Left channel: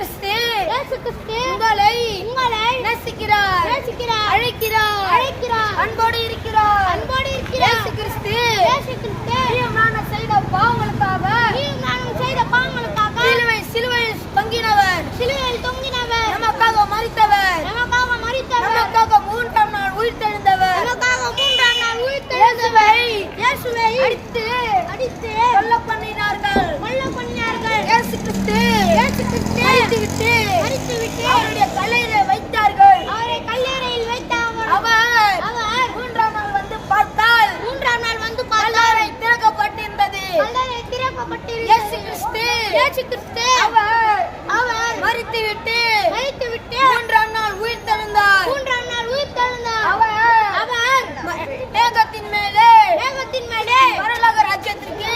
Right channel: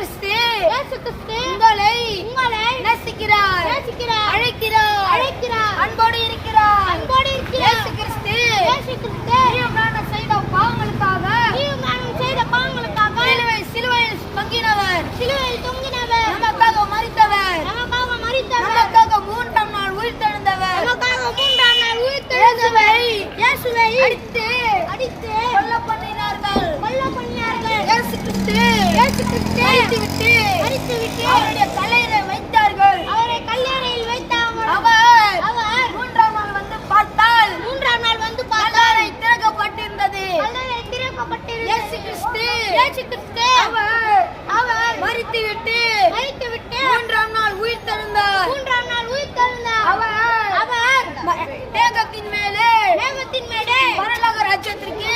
கிறிஸ்து உங்களை நேசிக்கிறார், அழைக்கிறார், அன்போடு இருக்கிறார். இயேசு கிறிஸ்து நீயும் நானும் செய்த பாவங்களுக்காக சிலுவையில் தொங்கினவர், நமக்காக மரித்தவர், நமக்காக மூன்றாம் நாள் உயிர்த்தெழுந்தவர். இயேசுவை அடித்து கொல்ல பண்ணினார்கள். இயேசு கிறிஸ்து அடித்துவிட்டு அவருடைய கல்லறையில் வைத்தார்கள். அவர் மூன்றாம் நாள் வந்து பார்த்தால் கல்லறை திறக்கப்பட்டிருந்தது. இயேசு கிறிஸ்து அவர் மரித்துவிட்டு மூன்றாம் நாள் உயிர்த்தெழுந்தார். அவர் மேகத்தின் மேலே பரலோக ராஜ்யத்திற்கு